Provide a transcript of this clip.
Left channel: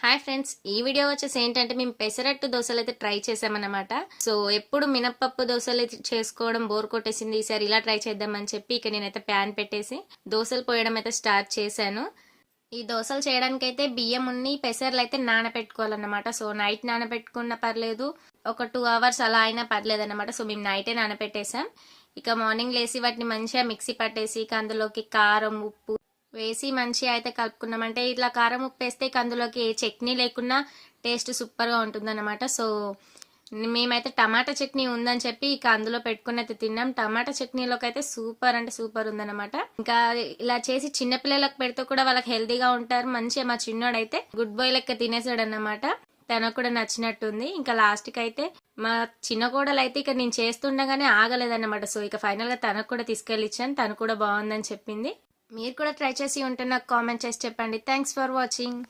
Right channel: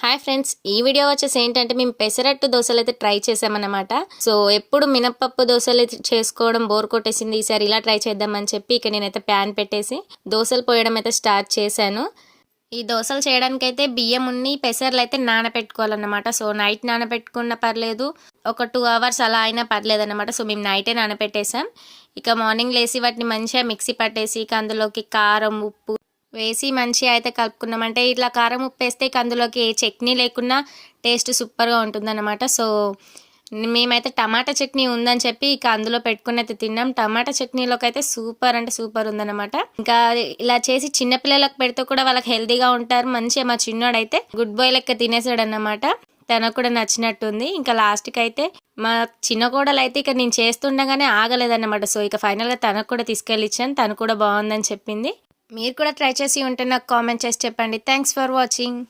Hi friends, ఈ video వచ్చేసి ఏంటంటే మేము పెసరట్టు దోశలు అయితే ట్రై చేసామన్నమాట. సో ఎప్పుడు మినపప్పు దోశలు చేసుకోవడం బోర్ కొట్టేసింది. ఈసారి ఇలా ట్రై చేద్దామని చెప్పి ఇక నేనైతే ప్యాన్ పెట్టేసి దోశలు పోయడం అయితే స్టార్ట్ చేశాను. ఈ దోశలు చేయడానికైతే బియ్యం ఉన్ని పెసర్లు అయితే నానబెట్టుకోవాలన్నమాట. సో నైట్ నానబెట్టుకున్న పర్లేదు, ఒక 2 అవర్స్ అలా అయినా పర్లేదు అనమాట. సో మేము నైటే నానబెట్టేసాం. ఇక మార్నింగ్ లేసి వాటిని మంచిగా మిక్సీ పట్టేసి ఇక అందులోకి కారం, ఉప్పు వేసి మంచిగా అయితే కలుపుకున్నామంటే ఇట్లా కారం ఉప్పు వేస్తే అందులోకి ఏ చట్నీ లేకున్నా టేస్ట్ సూపర్గా ఉంటుందన్నమాట. సో మేమైతే టమాటా చట్నీ ఉందని చెప్పి ఇక అందులో పెట్టుకుని అయితే తిన్నాం. టమాటా చట్నీలోకి అయితే సూపర్ అంటే సూపర్ ఉందన్నమాట. ఇంకా ఇలా చేసి చిన్నపిల్లలకు పెడితే కూడా వాళ్ళకి హెల్తీగా ఉంటారు. మంచిగా మా చిన్నోడైతే గుడ్ బాయ్ లెక్క తినేసాడు అన్నమాట. తనకు కూడా నచ్చినట్టుంది. ఇంకా లాస్ట్కి అయితే మా చిన్న కోడలు అయితే ఇక నేను చేస్తుండగానే ఆగలేదన్నమాట. సో ఇక ఫైనల్గా తనకు కూడా తీసుకెళ్ళి ఇచ్చాను. తను కూడా బాగుందని చెప్పింది. మీరు కూడా ట్రై చేసి ఉంటే నాకు కామెంట్ చేసి చెప్పండి. Thanks for watching.